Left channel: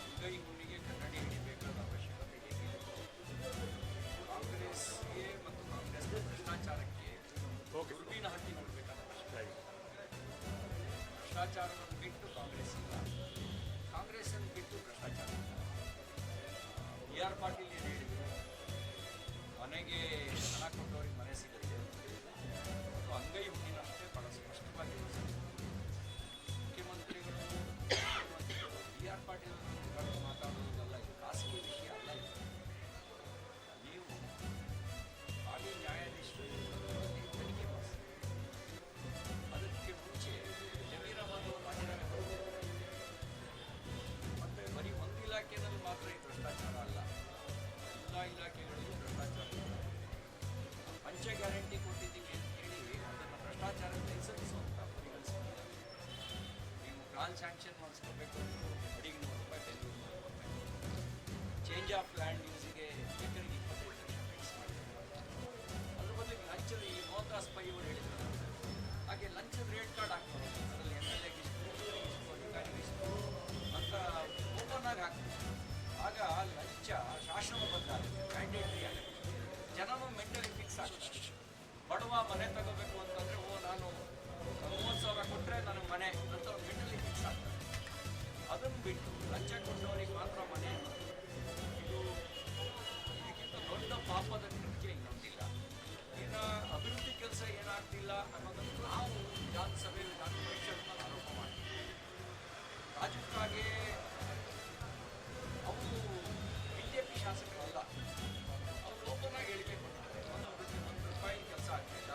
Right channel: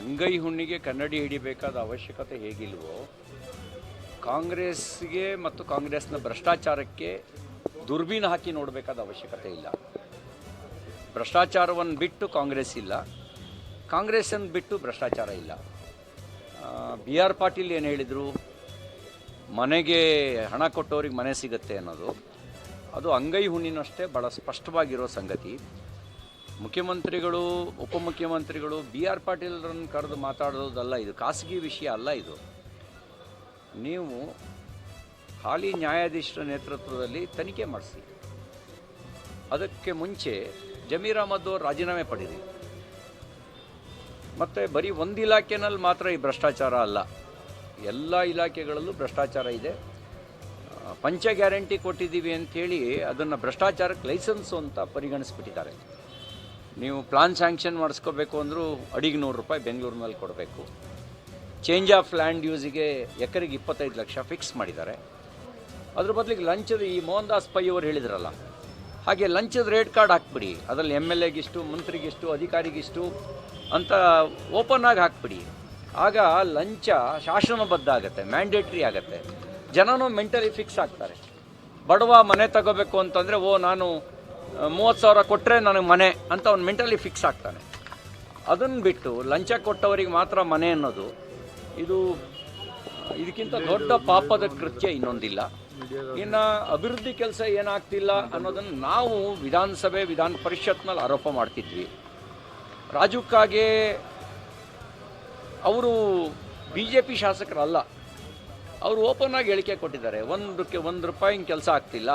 ಅಂಗೈ ಹುಣ್ಣಿಗೆ ಕನ್ನಡಿ ಹಿಡಿಬೇಕಾದ ಅವಶ್ಯಕತೆ ಹೇಗಿಲ್ವೋ, ಕಾಂಗ್ರೆಸ್ಗೆ ಮತ್ತು ಕಾಂಗ್ರೆಸ್ನ ಭ್ರಷ್ಟಾಚಾರಕ್ಕೆ ದುರ್ಬೀನು ಹಾಕಿ ನೋಡಬೇಕಾದ ಅವಶ್ಯಕತೆ ಇಲ್ಲ. ಭ್ರಷ್ಟಾಚಾರವನ್ನು ಬಿಟ್ಟು ಕಾಂಗ್ರೆಸ್ ಇಲ್ಲ. ಕಾಂಗ್ರೆಸ್ಸನ್ನು ಬಿಟ್ಟು ಭ್ರಷ್ಟಾಚಾರ ಇಲ್ಲ. ಬಿ ಆರ್ ಪಾಟೀಲ್ ಏನು ಹೇಳಿದರು? ಮನೆಗೆ ಹಣ ಕೊಟ್ಟವ್ರಿಗೆ ಮನೆ ಸಿಗುತ್ತೆ ಅನ್ನೋದು. ಅದು ಅಂಗೈ ಹುಣ್ಣಿನಷ್ಟೇ ಭಾಳ ಸ್ಪಷ್ಟವಾಗಿರೋ ಸಂಗತಿ. ಮುಖ್ಯಮಂತ್ರಿಗಳು, ಉಪಮುಖ್ಯಮಂತ್ರಿಗಳು, ಬಿ ಆರ್ ಪಾಟೀಲ್ರನ್ನು ಕರೆದು ಮಾತಾಡೋದಲ್ಲ ಇದು, ಖಾಸಗಿ ವಿಷಯ ಅಲ್ಲ ಇದು. ನೀವು ಹಾಲಿ ನ್ಯಾಯಾಧೀಶರ ನೇತೃತ್ವದಲ್ಲಿ ತನಿಖೆ ಮಾಡಿಸಿ. ಅದಕ್ಕೆ ಮುಂಚೆ ಜಮೀರ್ ಅಹಮದ್ ಅವರು ರಾಜೀನಾಮೆ ಪಡೆದಿದೆ ಮತ್ತು ಬರೀ ಒಂದು ಇಲಾಖೆನಲ್ಲಿ ಮಾತ್ರ ಈ ಭ್ರಷ್ಟಾಚಾರ ಅಲ್ಲ, ಎಲ್ಲ ಇಲಾಖೆಗಳಲ್ಲೂ ಭ್ರಷ್ಟಾಚಾರ ಇದೆ. ಪಂಚ ಗ್ಯಾರಂಟಿ ಕೊಟ್ಟಿದ್ದೀವಿ ಅಂಥೇಳಿ ಅದನ್ನು ಭ್ರಷ್ಟಾಚಾರಕ್ಕೆ ಲೈಸೆನ್ಸು ಅಂತ ಪರಿಗಣಿಸ್ಬಿಟ್ಟಿದ್ದಾರೆ. ನೀವು ಪ್ಲಾನ್ ಸ್ಯಾಂಕ್ಷನ್ ಮಾಡಿಸ್ಕೋಬೇಕು ಅಂದರೂ ಅಡಿಗೆ ನೂರು ರೂಪಾಯಿ ಬೆಂಗಳೂರಿನಲ್ಲಿ ಕೊಡಬೇಕು. ಚೇಂಜ್ ಆಫ್ ಲ್ಯಾಂಡ್ ಯೂಸಿಗೆ ಎಕರೆಗೆ ಇಪ್ಪತ್ತೈದು ಲಕ್ಷ ಫಿಕ್ಸ್ ಮಾಡಿದ್ದಾರೆ. ಅದ್ರ ಬದಲಿಗೆ ಲಂಚದ ಈ ಮೋಹನ್ ದಾಸ್ ಪೈ ಅವರು ಹೇಳಿದ್ರಲ್ಲ, ಹಾಗೆ ಲಂಚದ ರೇಟ್ ಕಾರ್ಡ್ ಹಾಕ್ಬಿಡಿ, ಅದರಲ್ಲಿ ಎಂ ಎಲ್ ಎಗಿಷ್ಟು, ಮಂತ್ರಿಗಿಷ್ಟು, ಅಧಿಕಾರಿಗಿಷ್ಟು ಅಂತ ಓಪನ್ ಆಗಿ ಹಾಕ್ಬಿಡಿ. ಆಗ ಲಂಚ ಶಾಸನಬದ್ಧ ಆಗುತ್ತೆ, ಮ್ಯಾಂಡೇಟ್ರಿ ಆಗುತ್ತೆ. ಜನನೂ ಮೆಂಟಲಿ ಫಿಕ್ಸ್ ಆಗ್ತಾರೆ. ಬಡವ ಮನೆ ತಗೋಬೇಕು ಅಂತಂದರೆ, ಓ, ನಾನು ಮೂವತ್ತು ಸಾವಿರ ಕೊಟ್ಟರೆ ನನಗೆ ಮನೆ ಅಂತ ಅವ್ನು ಮೆಂಟಲಿ ಫಿಕ್ಸ್ ಆಗ್ತಾನೆ. ಅದನ್ನು ಬಿಟ್ಟು ಲಂಚ ಕೊಟ್ಟವರಿಗೆ ಮಾತ್ರ ಮನೆ ಅನ್ನೋದು, ಇದು, ಇದಕ್ಕಿಂತ ದೊಡ್ಡ ಪಾಪದ ಕೃತ್ಯ ಇನ್ನೊಂದಿಲ್ಲ. ಇನ್ನು ಅಭಿವೃದ್ಧಿ ಕೆಲಸ ಏನಾಗ್ತಿಲ್ಲ ಅನ್ನೋದನ್ನು ನಾವು ವಿಧಾನಸಭೆ, ವಿಧಾನ ಪರಿಷತ್ನಲ್ಲಿ ಆರೋಪ ಮಾಡ್ತಿದ್ವಿ. ರಾಜುಕ್ಕಾಗೆ ಅವರು ಬಿ ಜೆ ಪಿ ಶಾಸಕರಲ್ಲ. ಅವರು ಓಪನ್ ಆಗಿ ಹೇಳಿಕೆ ಕೊಟ್ಟಿದ್ದಾರೆ. ಒಂದಕ್ಕೆ ಒಂದು ರೂಪಾಯಿ ಕೆಲಸ ಆಗ್ತಿಲ್ಲ.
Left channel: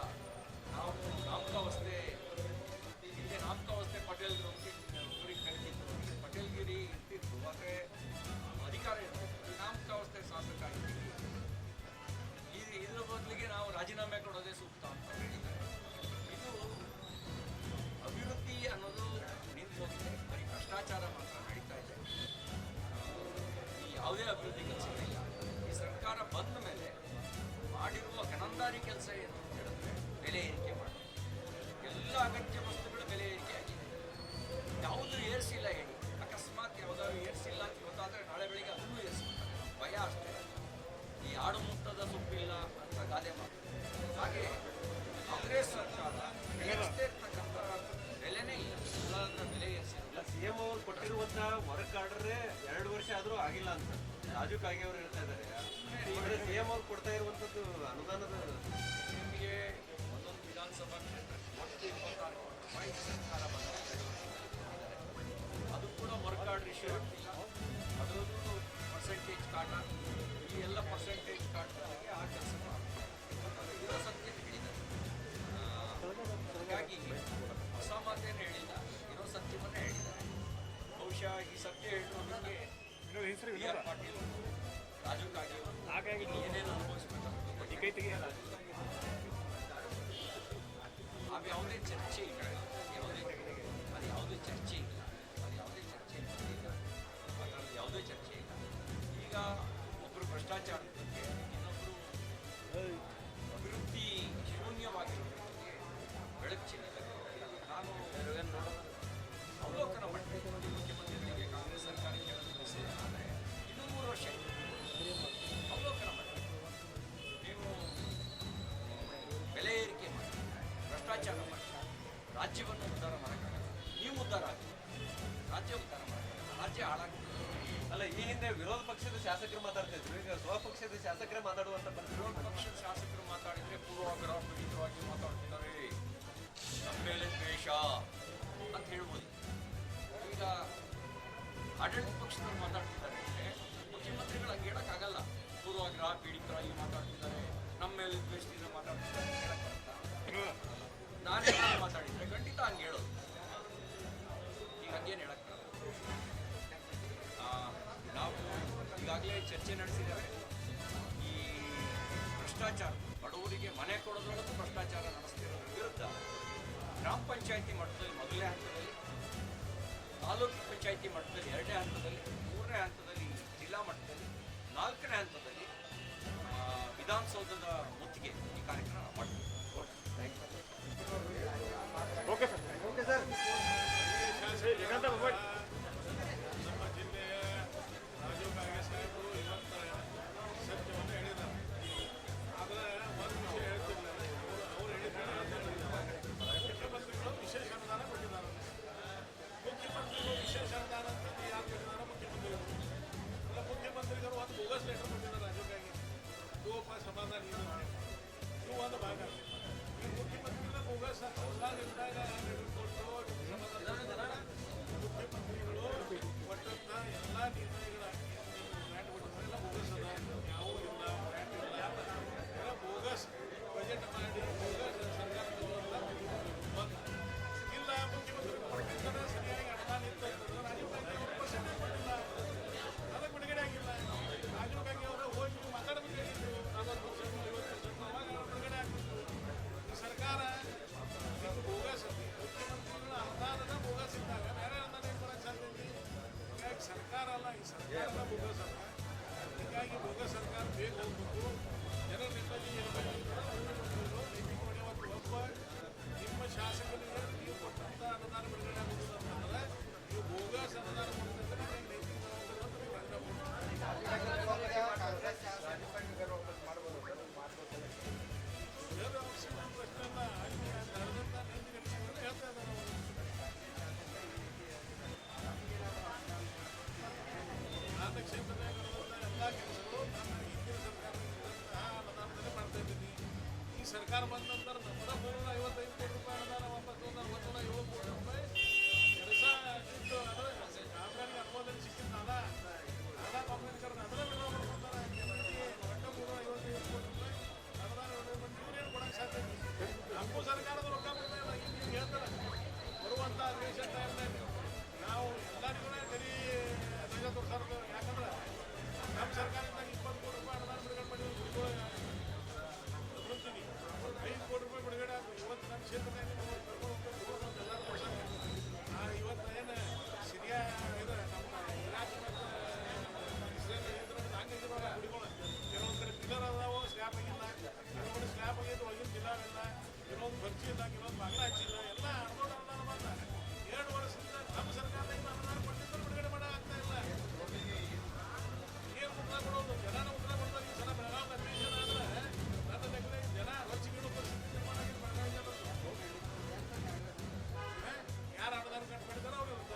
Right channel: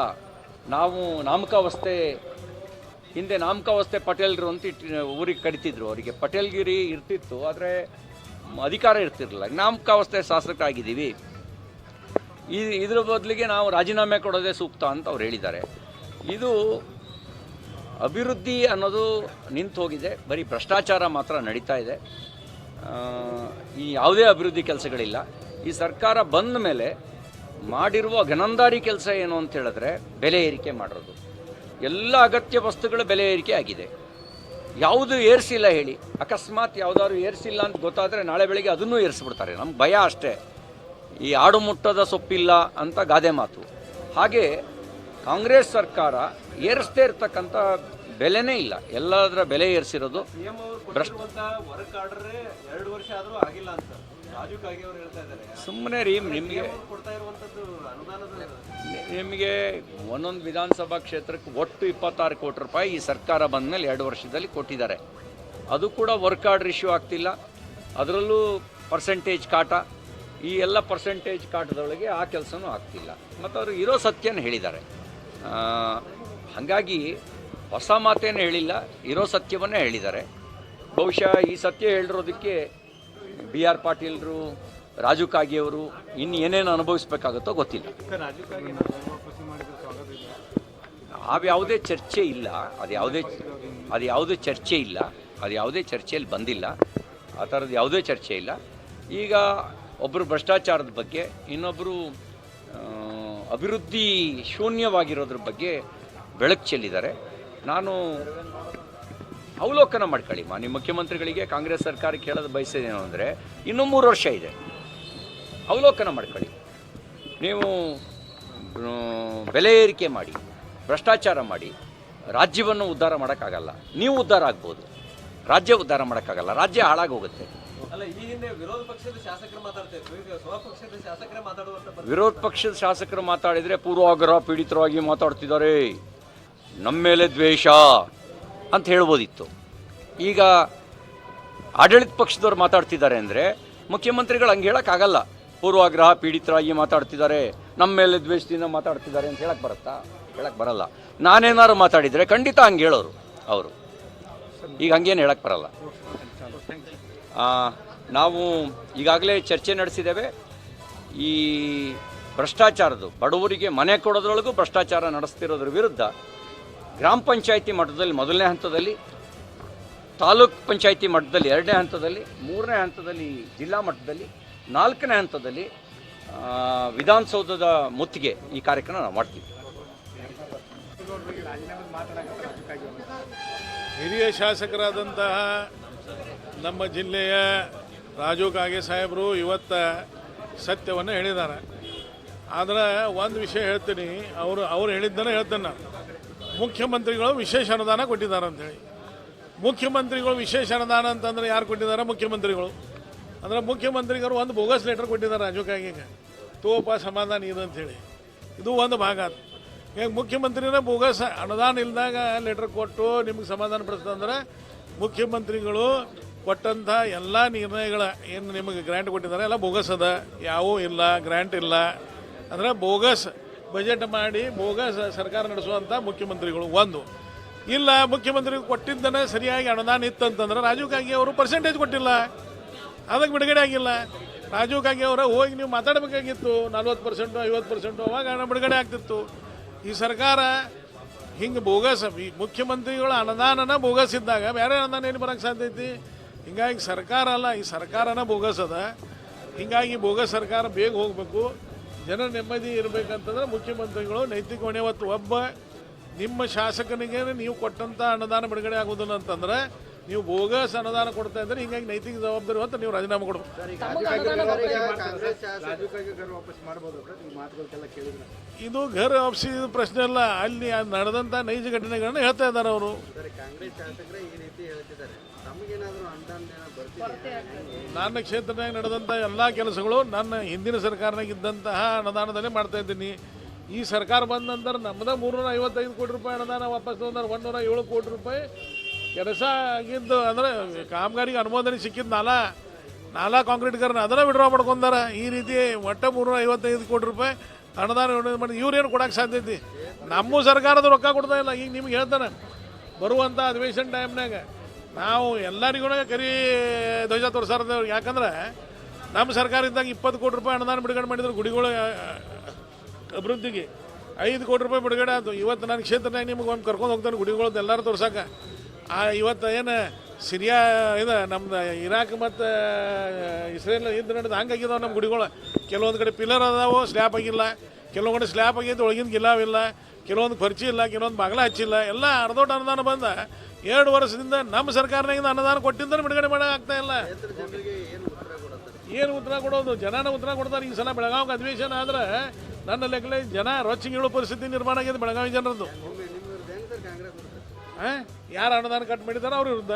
ನಾವು ನಾಮಕಾವಸ್ಥೆ, ಹಿಂದೆ ನಾಮಕಾವಸ್ಥೆ ಪಟೇಲ್ರು ಅಂತ ಇಟ್ಟು ಊರಿಗೆ ಕಡಿತಿದ್ರು ಅವರಿಗೆ ಪಟೇಲ್ಗಿರಿ ಇರ್ತಿತ್ತು, ಆದರೆ ಅಧಿಕಾರ ಇರ್ತಿರಲಿಲ್ಲ. ನಾಮಕಾವಸ್ಥೆ ಶಾಸಕರಾಗಿದ್ದೀವಿ. ಈ, ಇದ್ರ ಬದಲಿಗೆ ನಾವು ರಾಜೀನಾಮೆ ಕೊಡೋದೇ ಸೂಕ್ತ ಅಂತ ಅವ್ರು ಹೇಳಿದ್ದಾರೆ. ಇದು ಅಭಿವೃದ್ಧಿ ಅನ್ನೋದು ನಿಂತು ಹೋಗಿದೆ ಬರೀ ಭ್ರಷ್ಟಾಚಾರ ಮಾತ್ರ ನಡೀತಾ ಇದೆ. ಈ ಯಾವುದೇ ಅಭಿವೃದ್ಧಿ ಕೆಲಸಗಳಿಲ್ಲ. ಈ ಸರ್ಕಾರ ಬಂದ ಮೇಲೆ ಮಾಡಿರುವ ಘನಂದಾರಿ ಕೆಲಸ ಏನು ಅಂತ ಹೇಳಿದ್ರೆ ಬೆಲೆ ಏರಿಕೆ ಮಾಡೋದು ಎಲ್ಲ ಅಗತ್ಯ ವಸ್ತುಗಳ ಬೆಲೆ ಏರಿಕೆ ಆಗಿದೆ. ಯಾವುದು ಏರಿಸಿಲ್ಲ ಹೇಳಿ, ಅಕಸ್ಮಾತ್ ಯಾವುದಾದ್ರು ಏರಿಸಿಲ್ಲ ಅಂತ ಗೊತ್ತಾದರೆ ನಾಳೆ ಬೆಳಿಗ್ಗೆ ಅದನ್ನೂ ಏರಿಸ್ಬಿಡ್ತಾರೆ. ನಮ್ಮ ಭಯ ಅಷ್ಟೇ. ಈ ಆಡು ಮುಟ್ಟದ ಸೊಪ್ಪಿಲ್ಲ ಅಂತ ಗಾದೆ ಮಾತು. ಹಾಗೆ ಕಾಂಗ್ರೆಸ್ ಸರ್ಕಾರ ಏರಿಸದೇ ಇರ್ತಕ್ಕಂಥ ಬೆಲೆನೇ ಇಲ್ಲ. ಎಲ್ಲದರ ಬೆಲೆ ಏರಿಸಿರೋದು ಭ್ರಷ್ಟ ಸುಮ್ಮನೆ ರೀ ನಿಮಗೆ ನಿಮಗೆ ಒಂದೊಂದು ವಿಧಾನಸಭಾ ಕ್ಷೇತ್ರಕ್ಕೆ ಒಟ್ಟು ಇಪ್ಪತ್ತಾರು ಕೋಟಿ ರೂಪಾಯಿ ಈ ಸರ್ಕಾರ ಬಂದ ಮೇಲೆ ಎರಡು ವರ್ಷದಲ್ಲಿ ಕೊಟ್ಟಿದ್ದಾರೆ. ಅದು ಕೂಡ ವರ್ಕ್ ಆರ್ಡರ್ ಇಶ್ಯೂ ಆಗ್ತಿಲ್ಲ. ಅದರಲ್ಲೂ ಪರ್ಸೆಂಟೇಜ್ ಕಾಟ. ಈ ಎಲ್ಲ ಪರ್ಸೆಂಟೇಜ್ ಕಾಟದೊಳಗೆ ಆ ಕೆಲಸನೂ ಆಗ್ತಿಲ್ಲ. ಮತ್ತು ಅವರು ಇರೋ ಸತ್ಯನ ಹೇಳಿದ್ದಾರೆ. ಹಾಗಾಗಿ ಹೊಸ ಮಾತೇನು ಹೇಳಿಲ್ಲ ಇರೋ ಸತ್ಯವನ್ನೇ ಹೇಳಿದ್ದಾರೆ. ಬಹುಶಃ ಈ ಸತ್ಯ ಹೇಳಿರೋದಕ್ಕೆ ಬಿ ಆರ್ ಪಾಟೀಲ್ರು ರಾಜು ಕಾಗಿಯವರು ಇನ್ನು ಏನೇನು ಅನುಭವಿಸ್ಬೇಕಾಗುತ್ತೋ ಗೊತ್ತಿಲ್ಲ. ಅದು ಯಾವುದೇ ಚರ್ಚೆ ಇಲ್ಲ ಅದು ಯಾವುದೇ ಅದು ಯಾವುದೇ ಚರ್ಚೆ ಇಲ್ಲ ಅದು ಯಾವುದೇ ಚರ್ಚೆಯಲ್ಲಿ ಬಂದಿಲ್ಲ ಆ ಥರದ್ದು ಯಾವುದೇ ಚರ್ಚೆ ಇಲ್ಲ. ಈಗ ಒಬ್ಬರು ಭ್ರಷ್ಟಾಚಾರದ ಬಗ್ಗೆ ಇನ್ನೊಬ್ಬರು ಅಭಿವೃದ್ಧಿ ಶೂನ್ಯವಾಗಿರೋದ್ರ ಬಗ್ಗೆ ಬೆಳಕು ಚೆಲ್ಲಿದ್ದಾರೆ. ನಾನು ಅವಲೋಕನ ಮಾಡ್ಕೊಳ್ಳಿ ಮಾನ್ಯ ಮುಖ್ಯಮಂತ್ರಿಗಳಿಗೆ ಕಾಂಗ್ರೆಸ್ ಸರ್ಕಾರಕ್ಕೆ ಹೇಳೋದು ಬಯಸಿದೇನು ಅಂದರೆ ಇನ್ನೂ ಮೂರು ವರ್ಷ ಇದೆ. ಅವಲೋಕನ ಮಾಡ್ಕೊಳ್ಳಿ. ನೀವು ಬೆಲೆ ಏರಿಕೆ ಮಾಡಿ ಭ್ರಷ್ಟಾಚಾರ ಮಾಡಿ ರಾಜ್ಯವನ್ನು ಉದ್ಧಾರ ಮಾಡೋಕ್ಕಾಗಲ್ಲ. ನೀವು ಉದ್ಧಾರ ಆಗ್ಬೋದು. ರಾಜ್ಯ ಉದ್ಧಾರ ಮಾಡೋಕ್ಕಾಗಲ್ಲ. ರಾಜ್ಯ ಹಾಳಾಗೋಗುತ್ತೆ. ವಿರೋಧ ಪಕ್ಷದ ಶಾಸಕರು ಮಾತಾಡಿದರೆ ಪೂರ್ವಾಗ್ರಹ ಪೀಡಿತರಾಗಿ ಮಾತಾಡ್ತಿದ್ದಾರೆ. ನಮ್ಮ ಮೇಲೆ ದ್ವೇಷ. ಅಂತ ಹೇಳ್ಬೋದಿತ್ತು. ಈಗ ಆಡಳಿತ ಪಕ್ಷದವ್ರು ಮಾತಾಡ್ತಿದ್ದಾರೆ ಅಂದರೆ ಮುಖ್ಯಮಂತ್ರಿಗಳು ಹಂಗೆ ಹೇಳೋಕ್ಕಾಗಲ್ಲ. ಪೂರ್ವಾಗ್ರಹ ಪೀಡಿತರಾಗಿ ಮಾತಾಡ್ತಿದ್ದಾರೆ. ನಮ್ಮ ಮೇಲೆ ದ್ವೇಷದಿಂದ ಮಾತಾಡ್ತಿದ್ದಾರೆ ಅಂತ ಹೇಳಕ್ಕೆ ಬರುತ್ತಾ? ಹೇಳಕ್ಕೆ ಬರಲ್ಲ. ನಾನೇನಾದ್ರು ಮಾತಾಡಿದರೆ ಖಂಡಿತ ಹಂಗೆ ಹೇಳೋರು ಅವರು. ಈಗ ಹಂಗೇನು ಹೇಳಕ್ಕೆ ಬರಲ್ಲ. ನಾವು ಈಗಾಗಲೇ ಚರ್ಚೆ ನಡೆಸಿದ್ದೇವೆ. ಈ ಭ್ರಷ್ಟಾಚಾರದ್ದು ಬಡವರಿಗೆ ಮನೆ ಕೊಡೋದ್ರೊಳಗೂ ಭ್ರಷ್ಟಾಚಾರ ನಡೆಸ್ತಿರೋದ್ರ ವಿರುದ್ಧ ಗ್ರಾಮ ಪಂಚಾಯಿತಿ ಮಟ್ಟದಲ್ಲಿ ಮೊದಲನೇ ಹಂತದಲ್ಲಿ, ತಾಲೂಕ್ ಪಂಚಾಯಿತಿ ಮಟ್ಟದಲ್ಲಿ ಎರಡನೇ ಹಂತದಲ್ಲಿ, ಮೂರನೇ ಹಂತದಲ್ಲಿ ಜಿಲ್ಲಾ ಮಟ್ಟದಲ್ಲಿ, ನಾಲ್ಕನೇ ಹಂತದಲ್ಲಿ ವಿಧಾನಸೌಧದ ಮುತ್ತಿಗೆ ಈ ಕಾರ್ಯಕ್ರಮ ನಾವು ಮಾಡ್ತೀವಿ. ಹಿರಿಯ ಶಾಸಕರಾದಂತಹ ನಮ್ಮ ಜಿಲ್ಲೆಯ ರಾಜು ಕಾಗೆ ಸಾಹೇಬರು ಇವತ್ತ ಸತ್ಯವನ್ನು ಹೇಳಿದ್ದಾರೆ. ಆದರೆ ಒಂದು ವಿಷಯ ಹೇಳ್ತೀನಿ, ಅವರು ಅವ್ರು ಹೇಳಿದ್ದನ್ನು ಹೇಳ್ತೇನೆ ನಾನು. ಮುಖ್ಯಮಂತ್ರಿಗಳು ವಿಶೇಷ ಅನುದಾನ ಕೊಟ್ಟಿದ್ದಾರೆ ಅಂತೇಳಿ ಮುಖ್ಯಮಂತ್ರಿಗಳು ವಿಶೇಷ ಅನುದಾನ ಅಂತಂದ್ರೆ ಯಾರು ಕೊಟ್ಟಿದ್ದಾರೆ? ಮುಖ್ಯಮಂತ್ರಿಗಳು. ಅಂದ್ರೆ ಮುಖ್ಯಮಂತ್ರಿಗಳು ಒಂದು ಬೋಗಸ್ ಲೆಟರ್ ಕೊಟ್ಟಿದ್ದಾರೆ ರಾಜು ಕಾಗೆಗೆ ತೋಪ ಸಮಾಧಾನ ಇದು ಅಂತೇಳಿ ಇದು ಒಂದು ಭಾಗ ಅದು. ಈಗ ಮುಖ್ಯಮಂತ್ರಿನೇ ಬೋಗಸ್ ಅನುದಾನ ಇಲ್ದಾಗ ಲೆಟರ್ ಕೊಟ್ಟು ನಿಮ್ಗೆ ಸಮಾಧಾನ ಪಡಿಸ್ತಂದ್ರೆ ಮುಖ್ಯಮಂತ್ರಿಗಳು ಕೊಟ್ಟಂಥ ಎಲ್ಲ ನಿರ್ಣಯಗಳ ಏನು ನಿಮಗೆ ಗ್ರ್ಯಾಂಟ್ ಕೊಟ್ಟಿದ್ದಾರೆ? ಎಲ್ಲ ಬೋಗಸ್ ಅದ. ಯಾವೂ ಇಲ್ಲ, ಗ್ರ್ಯಾಂಟ್ ಇಲ್ಲ. ಅಂದರೆ ಬೋಗಸ್ ಬಜೆಟ್ ಮಾಡಿ ಭೋಗ ಸರ್ಕಾರ ನಡೆಸುವಂಥ ಮುಖ್ಯಮಂತ್ರಿಗಳು ಒಂದು. ಇಲ್ಲ ಮುಖ್ಯಮಂತ್ರಿ ಕೊಟ್ಟಿದ್ದನ್ನ ಸರಿಯಾಗಿ ಅನುದಾನ ಇತ್ತಂತಂದ್ರೆ ರಾಜೀವ್ ಗಾಂಧಿ ಅವರು ಪರ್ಸೆಂಟೇಜ್ ಕೊಟ್ಟಿಲ್ಲ. ಅದಕ್ಕೆ ಬಿಡುಗಡೆ ಆಗಿಲ್ಲ. ರಾಜೀವ್ ಗಾಂಧಿ ಅವರ ಹೋಗಿ ನೀವು ಮಾತಾಡಬೇಕಾಗಿತ್ತು. ನಲ್ವತ್ತು ಪರ್ಸೆಂಟು ಐವತ್ತು ಪರ್ಸೆಂಟು ಅವಾಗ ಹಣ ಬಿಡುಗಡೆ ಆಗ್ತಿತ್ತು. ಈ ಸರ್ಕಾರ ಹಿಂಗೆ ಬೋಗಸ್ ಮುಖ್ಯಮಂತ್ರಿಗಳ ಅನುದಾನನ ಬೋಗಸ್ ಇದ್ದಾಗ ಬೇರೆ ಅನುದಾನ ಏನು ಬರೋಕ್ಕೆ ಸಾಧ್ಯ ಐತಿ? ಹಿಂಗಾಗಿ ಸರ್ಕಾರ ಅಲ್ಲ, ಈ ಸರ್ಕಾರನ ಬೋಗಸ್ ಅದ ಹಿಂಗಾಗಿ ಬೋಗಸ್ ಸರ್ಕಾರ ಬೇಗ ಹೋಗಬೇಕು. ಜನ ನೆಮ್ಮದಿ ಇರಬೇಕಂತಂದ್ರೆ ಮುಖ್ಯಮಂತ್ರಿಗಳು ನೈತಿಕ ಹೊಣೆ ಹೊತ್ತು ಒಬ್ಬ ನಿಮ್ಮ ಶಾಸಕನಿಗೆ ನೀವು ಕೊಟ್ಟಂಥ ಅನುದಾನ ಬಿಡುಗಡೆ ಆಗೋದಿಲ್ಲ ಅಂತಂದ್ರೆ ನೀವು ಬೋಗಸ್ ಅನುದಾನ ಕೊಡ್ತಾ ಇದ್ರೆ ಹಿಂಗಾಗಿ ನೈತಿಕ ಜವಾಬ್ದಾರಿ ಅಂತ ನೀವು ರಾಜೀನಾಮೆ ಕೊಡಬೇಕು. ಇದು ಘರ್ ವಾಪಸಿ ಪ್ರಶ್ನೆ ಅಲ್ಲ ಅಲ್ಲಿ ನಡೆದಂತ ನಡೆದಂಥ ನೈಜ ಘಟನೆಗಳನ್ನ ಹೇಳ್ತಾ ಇದ್ದಾರೆ ಅವರು. ನನ್ನ ಕ್ಷೇತ್ರದಾಗ ನಡೆದಂಥ ಎಲ್ಲ ಕೆಲಸಗಳು ನನ್ನ ಹಿಂದಿನ ಸರ್ಕಾರನಾಗ ಇದ್ದಂತಹ ಅನುದಾನದಲ್ಲೇ ಮಾಡ್ತಾ ಇದ್ದೀನಿ. ಈ ಸರ್ಕಾರ ಬಂದ ನಂತರ ನಮ್ಮದ ಮೂರ್ನೂರ ಐವತ್ತೈದು ಕೋಟಿ ರೂಪಾಯಿ ಅನುದಾನ ವಾಪಸ್ ತೊಗೊಂಡ್ರೆ ಒಂದೂರ ಏಳು ಕೋಟಿ ರೂಪಾಯಿ ಕೆಲಸ ಆಗಿದ್ದು ಅಂದರೆ ಕಾಮಗಾರಿಗೆ ಅನುಮೋದನೆ ಸಿಕ್ಕಿದ್ದು ನಾಲಾ ನಾಲಾ ಕಾಂಕ್ರೀಟ್ಗಾರನ ಅದನ್ನು ವಿಡ್ರಾ ಮಾಡ್ಕೊಂಡಾರ. ಈ ರೀತಿ ಒಟ್ಟ ಮೂರ್ನೂರ ಐವತ್ತೈದು ಕೋಟಿ ರೂಪಾಯಿ ಅನುದಾನ ಮಾಡಿ ಇವ್ರೇನು ಕೊಡಕ್ಕೆ ಐತಿ? ನಮ್ಮ ಸರ್ಕಾರದ ರೊಕ್ಕ ಕೊಡ್ತಾ ಇಲ್ಲ. ಈಗ ನಿಮ್ಗೆ ಹೇಳ್ತಾನೆ ಬರುವಂಥ ಅಧಿವೇಶನ ಟೈಮ್ನಾಗ ನಾವು ಎಲ್ಲರಿಗೂ ಕರಿ ಧ್ವಜ ತೋರಿಸಾರ್ದ ಯಾಕಂದ್ರೆ ನಮ್ಮ ಸರ್ಕಾರ ಇದ್ದಾಗ ಇಪ್ಪತ್ತು ಕೋಟಿ ರೂಪಾಯಿ ಅನುದಾನ ಬಿಡುಗಡೆ ಮಾಡಿದ್ರು ಗುಡಿಗಳು ಅಭಿವೃದ್ಧಿಗೆ. ಐದು ಕೋಟಿ ರೂಪಾಯಿ ಬಿಡುಗಡೆ ಆಯಿತು. ಇವತ್ತು ನನ್ನ ಕ್ಷೇತ್ರನಾಗ ನಿಮ್ಗೆ ಒಂದು ಕರ್ಕೊಂಡು ಹೋಗ್ತಾನೆ ಗುಡಿಗಳದ್ದು ಎಲ್ಲರೂ ತೋರ್ಸಕ್ಕೆ ಆ, ಇವತ್ತು ಏನು ಸಿರಿಯಾ, ಇದು ನಮ್ದು ಇರಾಕ್ ಮತ್ತು ಇಸ್ರೇಲ್ ಇದು ನಡೆದು ಹಂಗಾಗಿದಾವೆ ನಮ್ಮ ಗುಡಿಗಳು. ಕೆಲವೊಂದು ಕಡೆ ಪಿಲ್ಲರ್ ಅದಾವು ಸ್ಲ್ಯಾಪ್ ಆಗಿಲ್ಲ. ಕೆಲವೊಂದು ಕಡೆ ಸ್ಲ್ಯಾಪ್ ಆಗಿದ್ದು ಒಳಗಿನ ಗಿಲಾವಿಲ್ಲ ಕೆಲವೊಂದು ಪರ್ಚಿ ಇಲ್ಲ, ಕೆಲವೊಂದು ಬಾಗಿಲ ಹಚ್ಚಿಲ್ಲ. ಎಲ್ಲ ಅರ್ಧೋಟ ಅನುದಾನ ಬಂದ. ಎರಡು ವರ್ಷದಿಂದ ನಮ್ಮ ಸರ್ಕಾರದಿಂದ ಅನುದಾನ ಕೊಟ್ಟಿದ್ದರೂ ಬಿಡುಗಡೆ ಮಾಡೋಕ್ಕಾಗ್ತಾ ಇಲ್ಲ. ಏನು ಉತ್ತರ ಕೊಡೋದು? ಜನನ ಉತ್ತರ ಕೊಡ್ತಾರೆ ಈ ಸಲ ಬೆಳಗಾವಿಗೆ ಅಧಿವೇಶನ ಆದ್ರೆ ನನ್ನ ಲೆಕ್ಕಲೆ ಜನ ರೊಚ್ಚಿಗೆ ಪರಿಸ್ಥಿತಿ ನಿರ್ಮಾಣ ಆಗಿದೆ ಬೆಳಗಾವಿ ಜನರದ್ದು. ಯಾರು ಅನುದಾನ ಕಟ್ ಮಾಡಿದಾರೋ ಅವ್ರ ವಿರುದ್ಧ.